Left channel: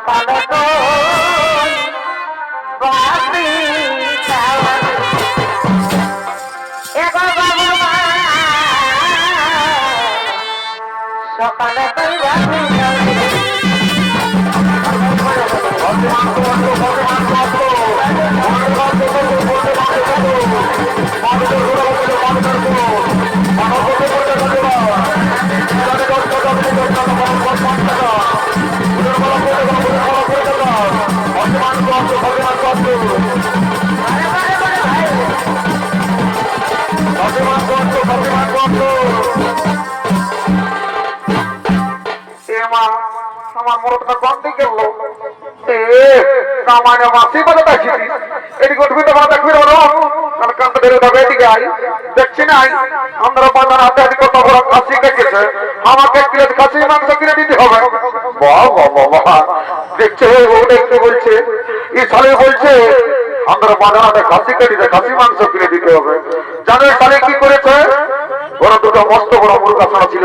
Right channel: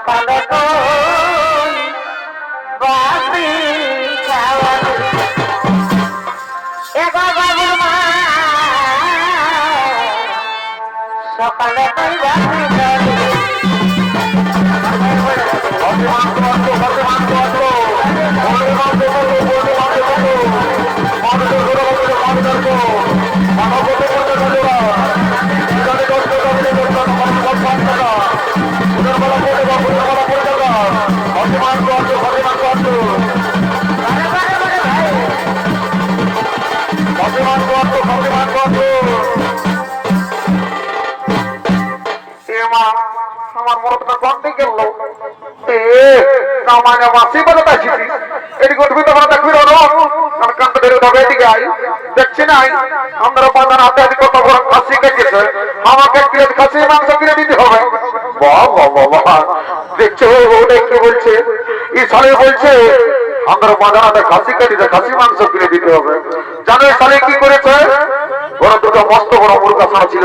সকালে কোন বাসি খাওয়ালে এগো বাবুর মা সকালে কই বাসি খাওয়ালে আমার মরদটা গন্ডি গেল কামানে বাসি বলে দেখছি এটি গঠবিত বলে দেখবি কারণ কান্ত ধরে উঠাবে এদিকে আই দেখছি না আমরা বাজার হাতে আদি কত বড় খাসি কেটেছে আমাকে এক কিলো খাসি মাংস কিনে দিতে হবে বাহ বাহ বাহ দেখছো ওটা কি বলছে এই সালে বলছে আমরা বাজার হাতে খাসি কেটেছে খাসি মাংস কিনে দিতে হবে জানো এই সালে কি করেছে ওরা দুটো মস্ত বড় মুরগা ছাড়া ছিল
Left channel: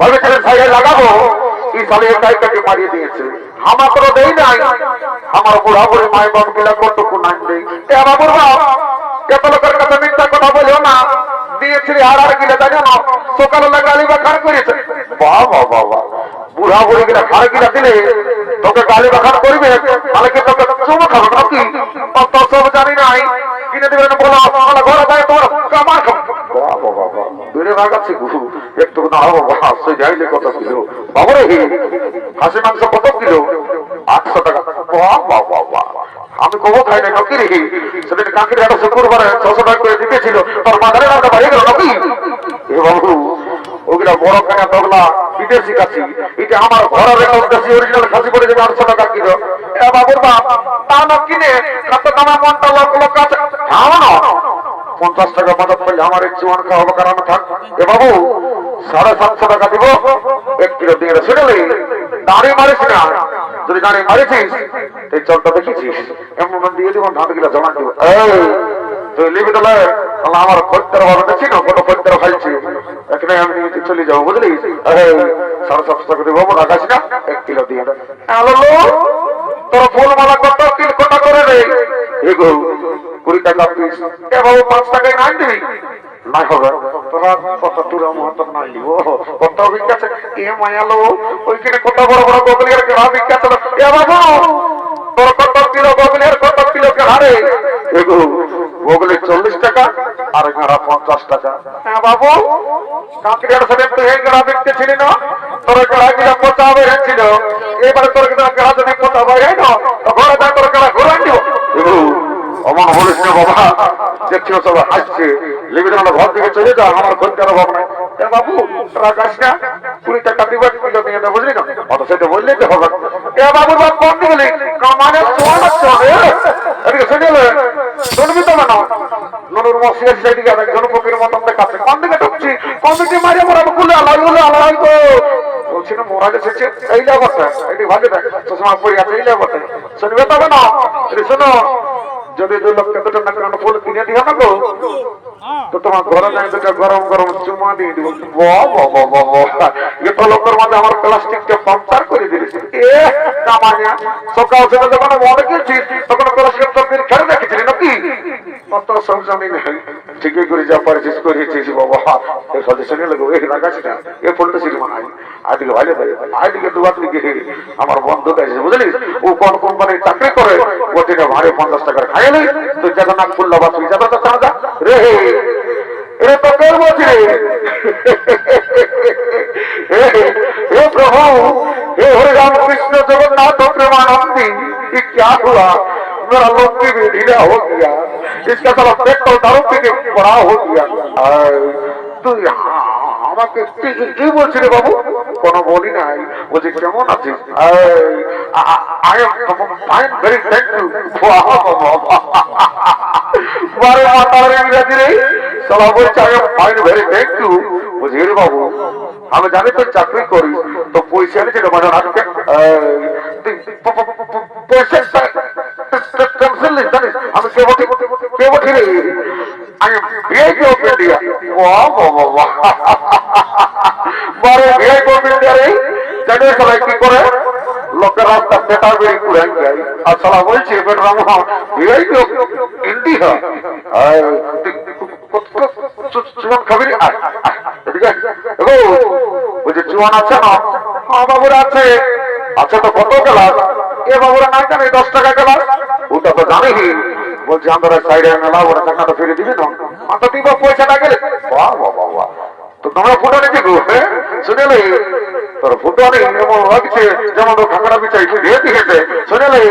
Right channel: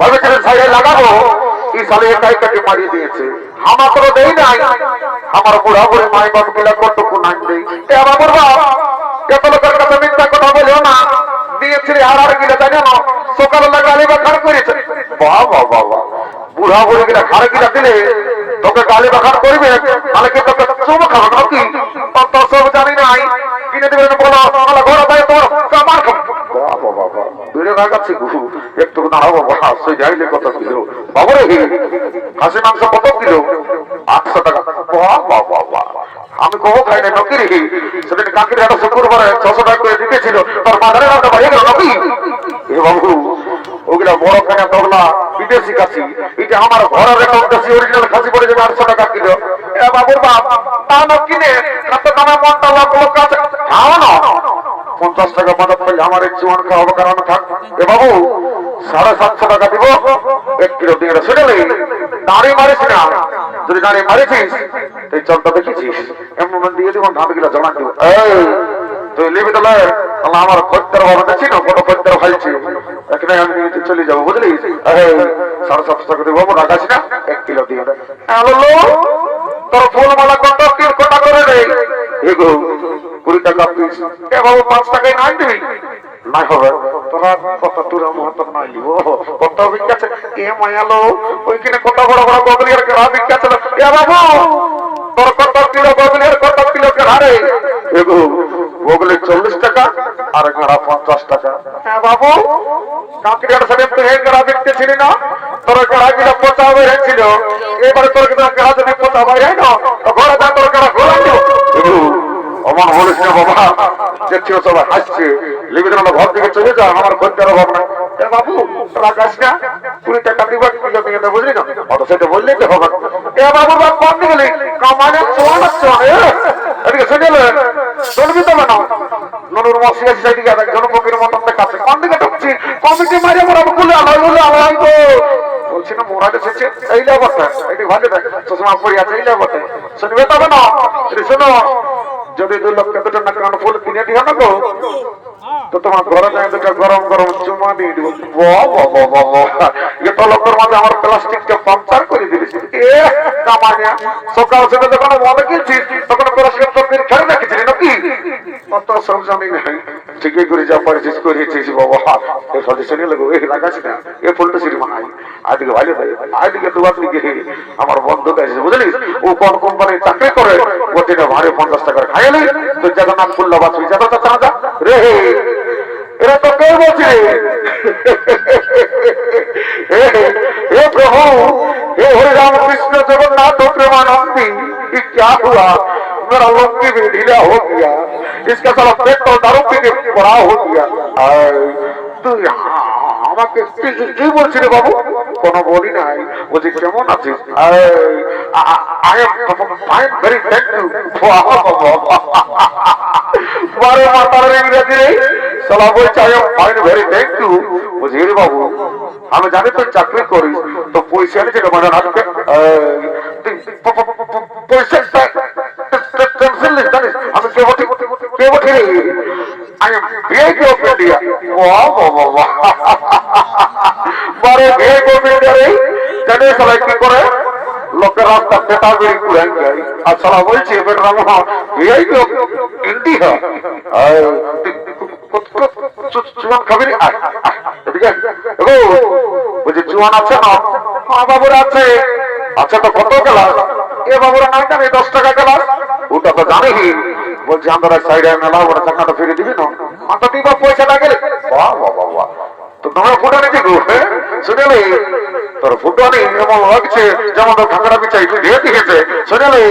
ভেবেছিলেন সাইডে লাগাবো এই সালে একাই কাকে মারিয়ে দিয়েছে আমাকে দেই নাই আমার বুড়া বুড়ি মাই বাপ গুলা কতটুকু নাই দেই বাবুর বাপ এত লোকের কাছে মিথ্যা কথা বলিও না দিয়েছিলি আর গিলে জানো না সকালে গালি বা খার করেছে বাহ বাহ বাহ বাহ বুড়া বুড়ি গিলা খার গিলা দিলে তোকে গালি বাখার করবে তাহলে কি তোকে চুমো খাবে নাকি অত সব জানি নাই কিনে দিবেন বলো তাহলে ঘরে যায় তোর কামার খাবো বাবা বাবা বেড়ে ভাগাচ্ছে গুরু একটু দাঁড়াবো বাবা সে যাইলে কত ছিল বাবরে খাসি মাংস কত কিলো 800 টাকা বাবা বাবা আমি কবো খাই না নকি রে সেদিন কাকির একটা শুক্রবারে 600 টাকা করে দিতেছিল তোর বাজারে নামটা বাইরে গেল নকি এ বাবু ওগুলা বড় কেনা তগলা বিদেশি খাসি এটা আমার ঘরের একটা দেশি অরিজিনাল খাসি পড়ে যাবে 800 টাকা কিলো এ বাবুর বাপ তা না কিনে কত দামে মনটা লোক লোক আছে খাও না 50 টাকা মদত পেলে আমার এক জোয়ান খাওয়াবো কারণ থাক এ বাবু 750 টাকা দিব 1 কিলো দিয়ে শুনলে দাঁড়িয়ে মারিস না যদি দাঁড়িয়ে মারিছিস তুই চলটা দেখেছিস এমন দিয়ে দিব ধান গিলা জমা দিব তুই লিবি তাহলে আমার খদ্দের বাবা দেখছি না কত খদ্দের খাইছি এখানে আমি চলে যাবো বুঝলি 750 টাকা দিব রাখাস না 1 কিলো দিয়ে তোর ফুল মালা কত 3 কোটা করে রে এগো 20 টাকা পিস এ বাবু 5 টাকায় না দিবি না হবে তোরা কত টুরা মহত না লিব কত বিখ্যাত এ মায়ালো ওইখানে কত বড় বড় গোগলির কেরা বিখ্যাত এ বাবু তোর কত কিলো গোগলির কত কিলো কেরা রে এগো গোগলি 40 টাকা আর কেরা 50 টাকা হ্যাঁ বাবু কাকির সাথে তুই এই কেরা দেখতেছিলি না তোর কেরা গিলা পচা হয়েছিল এবারে তোর কেরা যদি পচা হয় না ঘরে যা তোর কেরা ঘোরান দিব অমন বলিস না বাবা দেখছি সবাই হাসছে লিবিটার ঘর থেকে চলে যা আমার খদ্দের অভাব নাই বাবু রাখাস না 20 টাকা দিবার কিলো নিয়ে দেবো বুঝলি না অত সেটা বললে তো হবে এ বাবু বাপ কোন দিকে কামানে চোয়া লাগতো এদিকে শুনলে শুনবি তো না নুনুর মশিয়া সেদিকে একজন ফকির মতন দেখাচ্ছে কোন দিকে ঢুকছি কমিটি মারিয়ে মোরা বলে আলাই তো বলছি না মোরা এসেছে এই লেবতে এটি ভালো দেখ চশমা পরি আছে এই লেবতে শুনবে তবে না শোনো যদি 2 লক্ষ টাকা কান ফুল কিনে দিও না গো তো তোমার ঘরে যাই দুটো গরম গরম চুমা দিয়ে দিব এত লোকের মাঝে আমার প্লাস্টিককে পাঞ্চার করে দিয়েছি এ কামানিয়া সকাল থেকে যখন মনে গেছিস তখন প্লাস্টিক তরকারি খেয়ে রেখেছিলি নাকি কত সব জানি না ঠিকই করে যা পারিস করিয়েছিস বাবা এ সাথে শুনে লাগো এই লাগাছি না এ ফুলটা ছিল মানাই আদিকে ভালো ভাই আদিকে দুবার দিকে আমার বন্ধু আছে বুঝলিস ও কোন কোম্পানির চাকরি করে ও দিনে ভারে 50 টাকার খাইলি তুই জগন্নাথ ফুল্লা বাসি যাবে তো চাঁদা রে এরা তো কেউ বলছে हे प्रभु हे हरे राम कृष्ण जगन्नाथ प्रेमानंदी ये क्या हुआ मेरा लंबी भी ढीला हो गया इसका साला पेट तो दारू पी के बड़ा हो गया तू আমাকে কি বলছিস রে বাবু কোনো বলি নাই বলছি কেমন আছিস I am fine very thank you বারে মাতার ইংরেজি রে সালা বলছে I am fine very thank you বুঝি রে বাবু আমি জানি তুই চাকরি করিস তো পয়সা নিয়ে যেটা মানে রাখতে পয়সা টেনশন নিস জানিস আমি কে বটি রে I am VIP of India বারে ভিআইপি অফ ইন্ডিয়া রে জানিস সবাই কি করে লোকের রাস্তা পেটা বেরি কুড়াই যায় আর সালা বলছে বেটা মোহন এই তো ইন্ডিয়া চুয়ান খাবি বলছে চুয়ান আছে না? হ্যাঁ বাবুর আছে। আচ্ছা তো কত গেলাস? এ বাবুরা নাই জানি 10 টাকা গেলাস। ওটা তো জানি। বলছি আমরা সাইডে মেলা ওরা টাকাটা ফিরে দিবি না? মাথা দিবা পয়সাটা গেলে বাহ বাহ বাহ। তো তোমরা ফুটো নাকি গো? শুনেলে তোর ফুটো নেই এমন লাগছে যেমন টাকাটা বিচাই দিয়ে দিয়েছে। শুনেলে